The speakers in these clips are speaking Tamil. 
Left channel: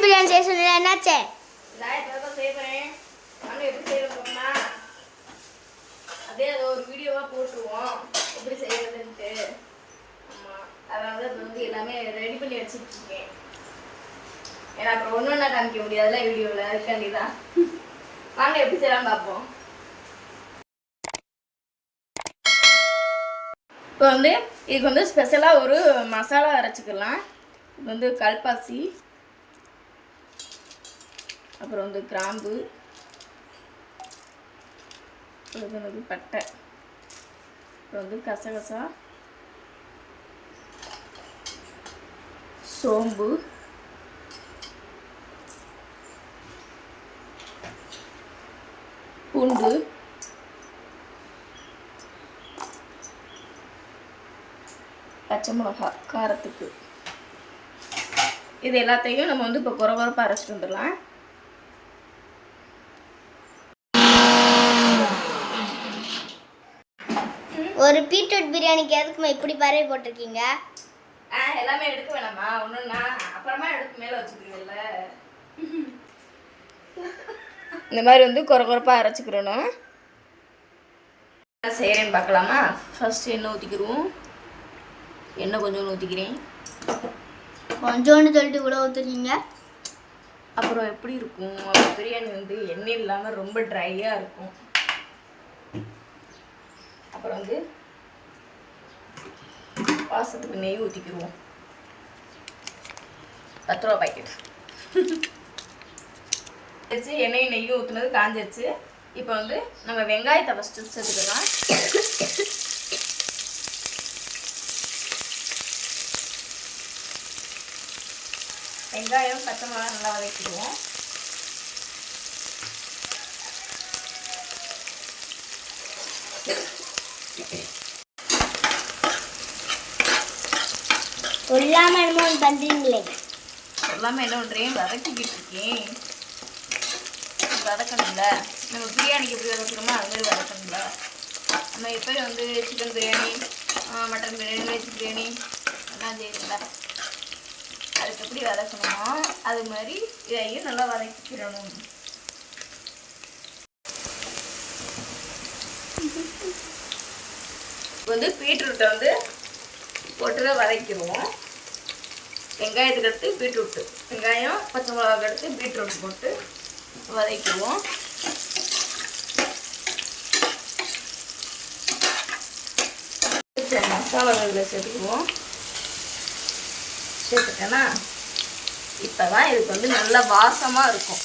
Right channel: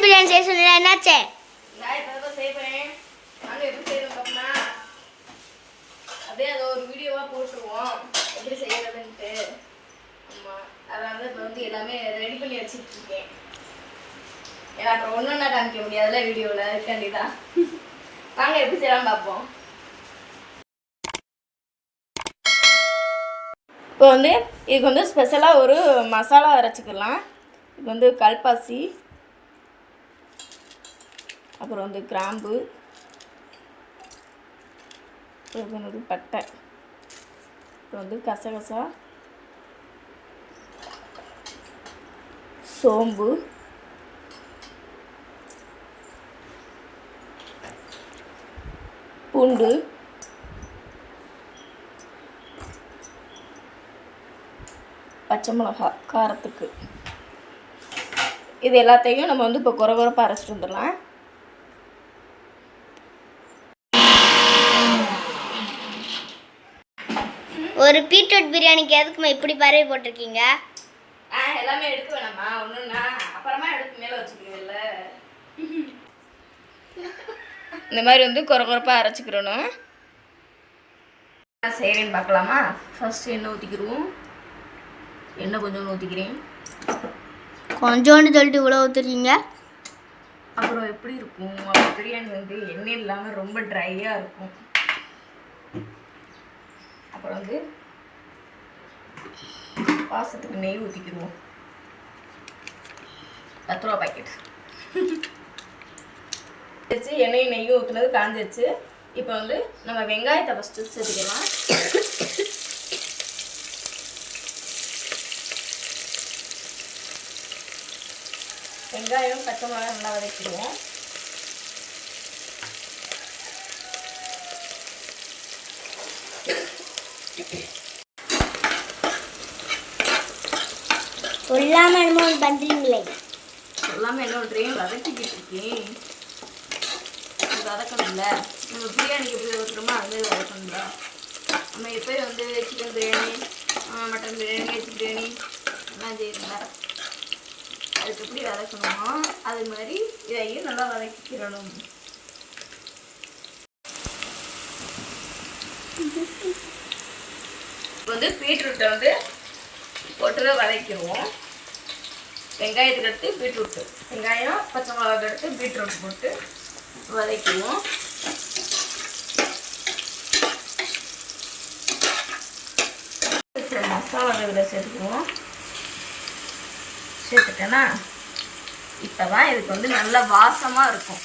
பீட்ரூட் பிரியாணி செய்ய சொன்னீங்க, என்னாச்சு? நான் இப்பதான் செய்ய போறேன். நானும் எப்படி செய்யறது அப்படின்னா அப்படியே அதை ஒரு வீடியோவா போட்டுருவோம் எப்படி செய்யறதுன்ட்டு. ஆமா, அதனால இப்போ வந்து எல்லாமே ரெடி பண்ணி வச்சுட்டு இருக்கேன். ஏன்னா அப்புறம் ஒன்றுன்னா காமிக்க முடியாதுல்ல வீடியோவில், அதுக்காண்டிதான். வாங்க எப்படி செய்யலாம் பார்ப்போம். இப்போ வந்து இதுக்கு வந்து ஸ்பெஷலாக ஒரு மசாலா அரைச்சிக்கலாம். இது வந்து கல்பாசி, அப்புறம் வந்து கிராம்பு, இது வந்து பட்டை, அப்புறம் வந்து கசகசா, சோம்பு, பூண்டு, பச்சை மிளகாய் காரத்துக்கு. இது எல்லாத்தையும் நம்ம வந்து இப்போ குறகுறப்பாக அரைச்சிட்டு வந்துடலாம். ஒரு பீட்ரூட் பிரியாணிக்கு எதுக்குமா இப்படி பறவை போட்டிருக்கீங்க? எல்லாமே எடுக்க வேணாமா? ஒன்றுன்னா அப்புறமா எடுத்து மேலே வச்சுக்கிறீங்கல்ல. இந்த மாதிரி வந்து குறகுறப்பாக அரைச்சிக்கிறணும். செய்கிறேன்னு பார்க்கலாமா? ஃபஸ்ட்டு எண்ணெய் ஊற்றிக்கிடுவோம். எண்ணெய் கொஞ்சம் ஊற்றிக்கிறேன். கொஞ்சோண்டு சொல்லிட்டு இவ்வளோ ஊற்றுறீங்க. அப்புறம் எப்படி இருக்கும் அப்புறம் பிரியாணி வந்து எண்ணெய் இல்லாமல் ரொம்ப ட்ரையாக இருக்கும். அப்புறம் வந்து வாசத்துக்கு நெய் ஊற்றிக்கிடுவோம். 10 ரூபா பாக்கெட் வச்சு எண்ணெய் நெய்யும் ஊற்றுனது காஞ்சிருச்சு. இப்போ வந்து நம்ம வெங்காயத்தை ஃபஸ்ட்டு சேர்த்துக்கலாம். வெங்காயம் பச்சை மிளகாய் நல்லா வதக்கிடுவோம். சொல்லாமல் என்னமோ பண்ணுறீங்களே. சொல்லாமல் என்ன பண்ணுறேன், வதக்கிக்கிட்டு இருக்கேன். வதக்கணும்ல, நம்ம பிரியாணிக்கு எப்படி வதக்குறோமோ அதுமாதிரி வதக்கணும்ல. நம்ம இப்போ வந்து chicken biryani, mutton biryani, veg biryani எல்லாம் செய்யணும்ல, அதுக்கு எப்படி வதக்கணுமோ அது மாதிரி இதையும் நல்லா வதக்கிக்கிறணும். இப்போ வந்து பீட்ரூட்டை வந்து போட்டு தான் வதக்கிடுவோம். வெங்காயத்துக்கு அடுத்து பீட்ரூட்டு, வெங்காயம் பச்சை மிளகாய்க்கு அடுத்து பீட்ரூட் போட்டு வதக்கிடுவோம். மசாலாவில் சேர்த்துக்குவோம். சேர்த்துட்டேன்னா இப்போ தான் இதுக்கு வந்து நல்ல வாசமாக இருக்கும்.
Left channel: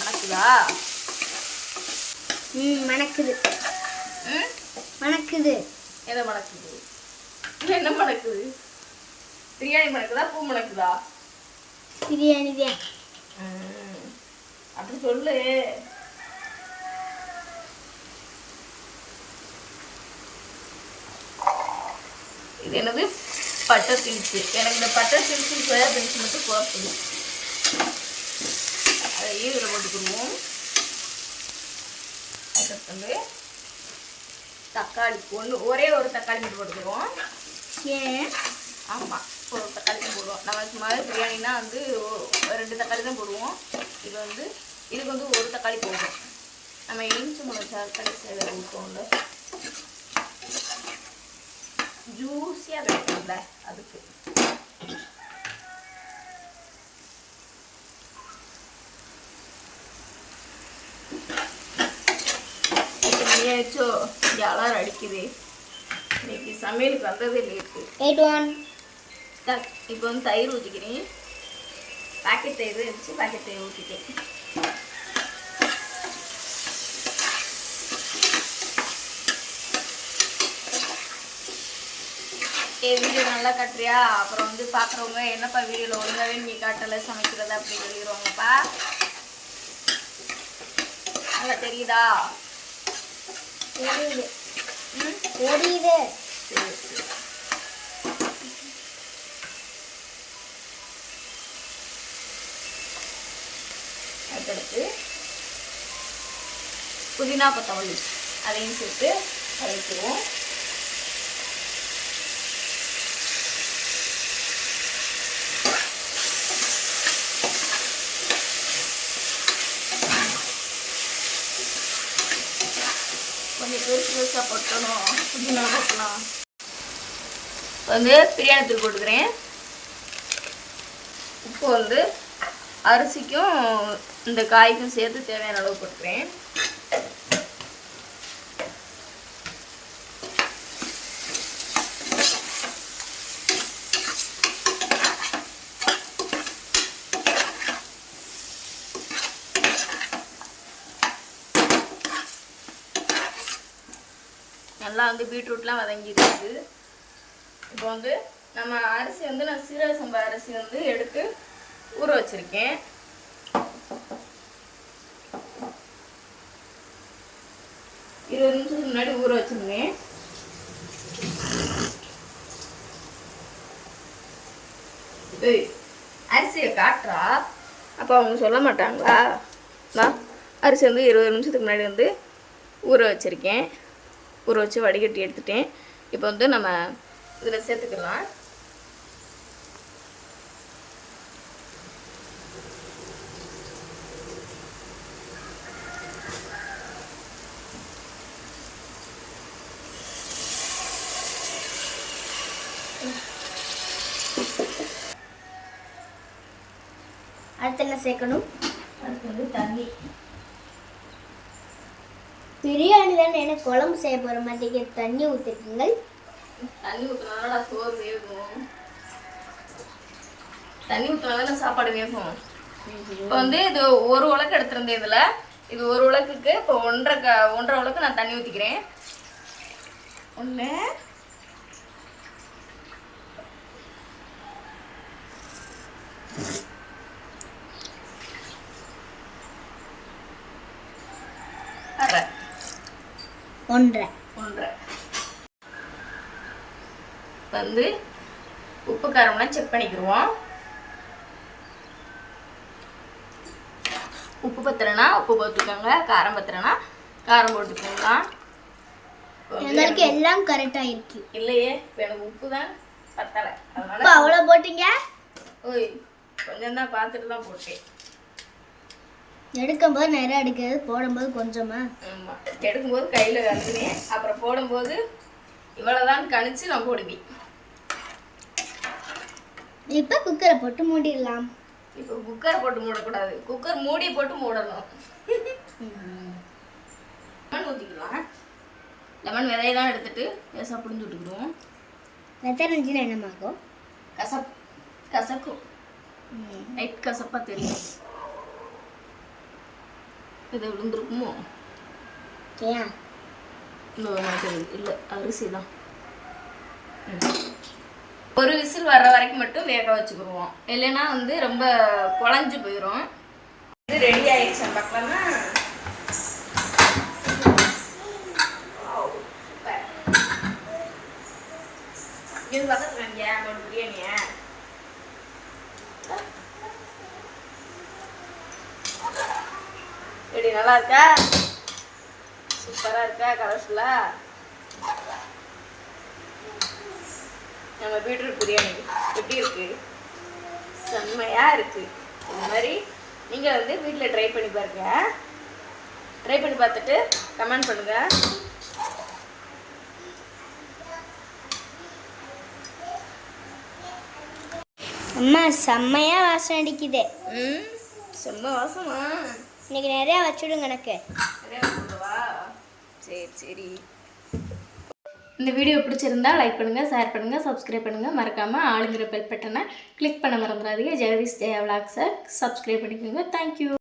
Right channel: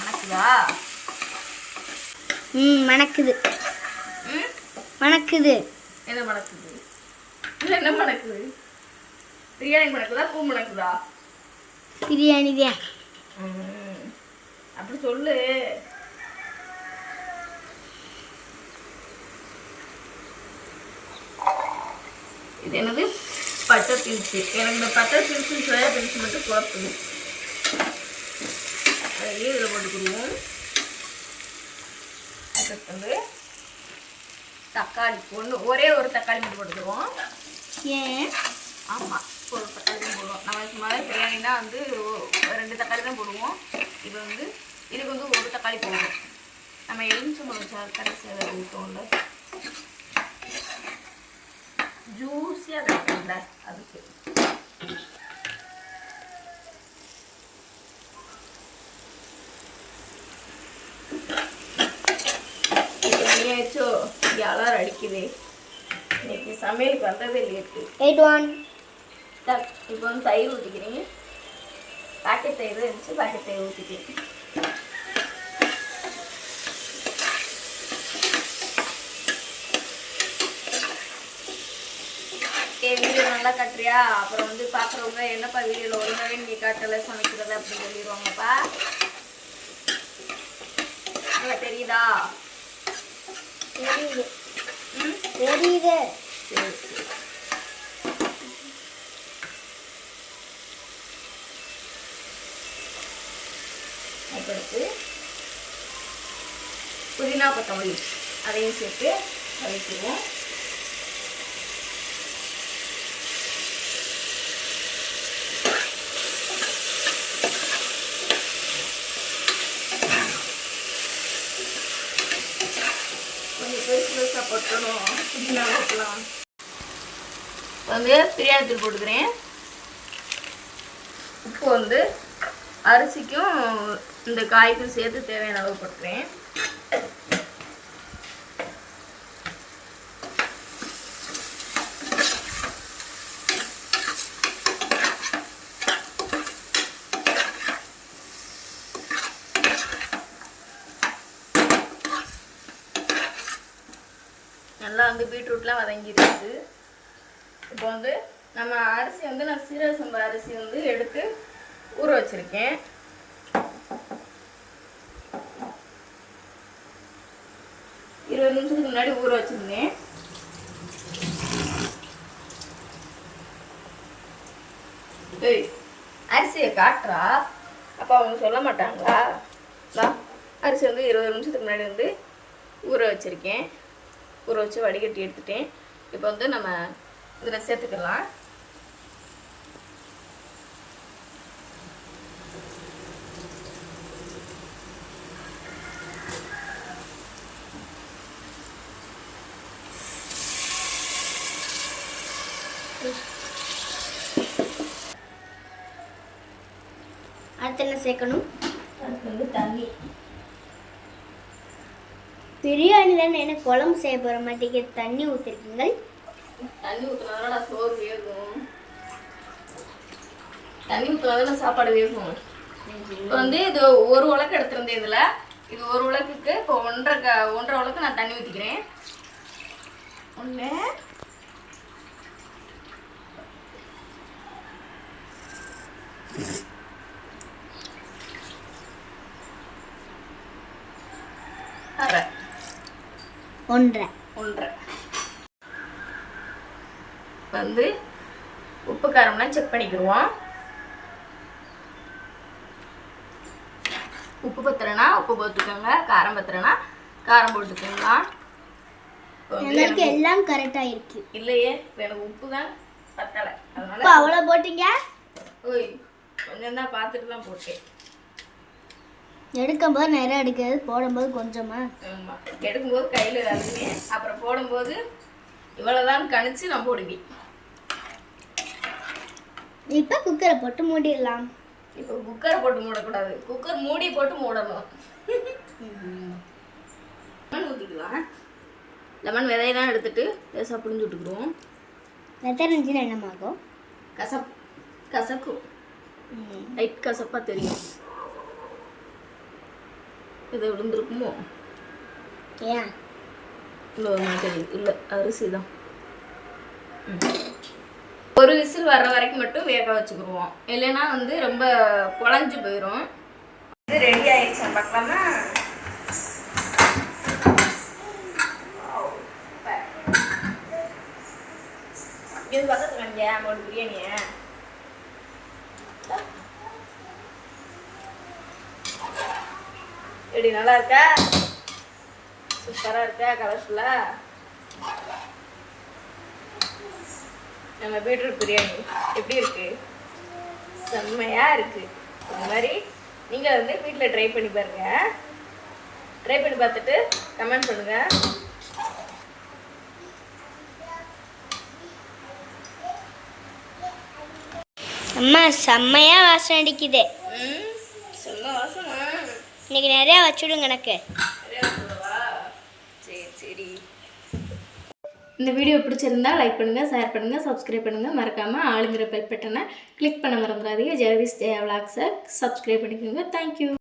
மணக்குதா? மணக்குது. மணக்குது. எதை மணக்குது? என்ன மணக்குது? பிரியாணி மணக்குதா, பூ மணக்குதா? பிரியாணி தான். அப்படி சொல்லு. இது என்னது? Butter beans. எனக்கு இந்த பட்டர் பீன்ஸு சோயா பீன்ஸ் மட்டும் குழப்பணும். அதையே இதில் போட்டுக்கிடுவோம். அதுக்கு வந்து தக்காளி ஒரே ஒரு தக்காளி மட்டும் போட்டுக்குவோம். ஏன்? ஆமாம், ஒரு தக்காளி தான் போடுவோம். நம்ம சும்மாவே பிரியாணினா வந்து 2 தக்காளி தான் போடுவோம். இது வந்து இதுக்கு வந்து 1 தக்காளி போடுவோம். நம்ம எலுமிச்சை மிளகாய் கடைசியாக ஊற்றுவோம்ல, ஜூஸியாக கிடைக்கும்ல அதுக்கு. ஏச்சோ யாரும் அடிக்குது. இன்னைக்கு சமையலுக்கு வந்ததே லேட்டு. 81. இப்போ வந்து தயிர் ஊற்றிக்கிறேன். பாக்கெட் தயிர் இருந்துச்சு, பாக்கெட் தயிர் ஊற்றிக்கிறேன். வீடியோ நல்லா கட்டுறியா? அப்புறம் வந்து பார்க்குறவங்க என்னப்பா வீடியோவில் ஒழுங்காவே நீ காட்டலை சமைக்கிறது அப்படின்னு சொல்லிடுவாங்கப்பா. நல்லா தெரியுதா? தெரியுது. தெரியுது. சரி சரி. அதுக்கடுத்து புதினா கொத்தமல்லி அதையும் சேர்த்து வதக்கிடுவோம். மசாலா போட்டுக்கலாம். வந்து பிரியாணி தூள் போட்டுக்கிறேன். உப்பு வந்து அரிசிக்கும் இந்த காய்க்கும் சேர்த்து தேவையான அளவு போட்டுக்கிறேன். நல்லா வந்து பீட்ரூட்லாம் வதங்கிடுச்சு. இப்போ வந்து நம்ம அரிசி வந்து நான் சீரக சம்பா அரிசி வந்து எடுத்து ஊற வச்சுருக்கேன். இருபது நிமிஷத்துக்கு முன்னாடி ஊற வச்சுருந்தேன். அரிசியை காட்டுறா அப்போ அவங்க சொல்ல மாட்டாங்களா? நான் அரிசி வந்து 20 நிமிஷத்துக்கு முன்னாடி வந்து ஊற வச்சுருக்கேன். ஊற வச்சு வடிகட்டி எடுத்துட்டேன். இப்போ வந்து நம்ம இதில் சேர்த்துக்கலாம். அடுத்து என்ன சேர்க்கணும்? அதுக்கு வந்து தண்ணி. பிரியாணி தானே, என்ன குழம்பு செய்ய போகிற மாட்டேங்க தண்ணி ஊற்றிருக்கீங்க. தண்ணி ஊற்றினால சோறு வேகும். தண்ணி ஊற்றினால சாப்பாடு வேகும். இப்போ வந்து இது ஒரு உலக்கு எடுத்துருந்தேன். இதில் இது ஒரு உலக்குக்கு இப்போ ஒன்றரை உலக்கு நான் தண்ணி ஊற்றிக்கிறேன். ஒன்று அரை ஒன்றரை வந்து உப்பு காரம்லாம் செக் பண்ணிக்கிடுவோம். உப்பு பத்தலைன்னா உப்பு போட்டுக்கோங்க, காரம் பத்தலைன்னா காரம் போட்டுக்கோங்களா. எங்களுக்கு எல்லாம் கரெக்டாக இருக்கு. இல்லையே, இப்போ எனக்கு உப்பு தான் பத்தலை, அதனால இப்போ அவ்வளோ போட்டீங்க. ஓய் கொஞ்சம் தான் பார்த்துட்டு தான் போட்டேன். எடுக்கும்போது நிறைய எடுக்கிறது, போடும்போது கொஞ்சமா. ஆமாம், எடுக்கும்போது கையில் கலக்குறேன், அப்புறம் போடும்போது இவ்வளோதான் கணிச்சு நான் போடுவேன். இப்போ குக்கரை போட்டு மூடிடலாம். இப்போ குக்கரை போட்டு மூடக்கூடாது, குக்கர் மூடி போட்டு மூடணும். லெமன் ஊற்றிக்கலாம். லெமன் விதையெல்லாம் எடுத்துட்டு லேசாக புளிஞ்சு விட்டுக்கிடுவோம். வெத்தனை இருந்துச்சுன்னா என்னமாகும்? கசக்கும், லைட் கசப்பாக தெரியும். இது விழுந்துருக்குமோ? ஏன் இல்லை தெரியுது, இல்லை அரிசி தான். ஒரு விசில் வர்ற வரைக்கும் மட்டும் வேக வச்சுக்கிடுவோம், இல்லைன்னா வந்து ரொம்ப குழஞ்சு போயிடும். இது ரெடி ஆயிடுச்சு பார்க்கலாமா? இது பக்கத்துல ஒரு பிரியாணிய எப்படி நல்லா இருக்கா? சூப்பராக இருக்கா? கலர்ஃபுல்லா நம்ம பீட்ரூட் பிரியாணி எப்படி இருக்கு? செம்மையாக இருக்குது. இந்த மாதிரி நீங்கள் வந்து வீட்டில் ட்ரை பண்ணி பாருங்க. ட்ரை பண்ணி பார்த்துட்டு கமெண்ட் பண்ணுங்கள். அம்மா செம்மையா வாசனை அடிக்குது. செம்ம வாசமா? இன்னைக்கு நிறையா வச்சுடுங்க எனக்கு. சரி சரி. இந்த வீடியோ பிடிச்சிருந்தா லைக் பண்ணுங்கள், ஷேர் பண்ணுங்கள், சப்ஸ்கிரைப் பண்ணுங்கள். மறக்காமல் ஆளுங்கிற பெல் பட்டனை கிளிக் பண்ண மறந்துடாதீங்க. ஜெகதீஷ் ஜெயா விலாக்ஸை சப்ஸ்கிரைப் பண்ணிக்கோங்க. தேங்க்யூ.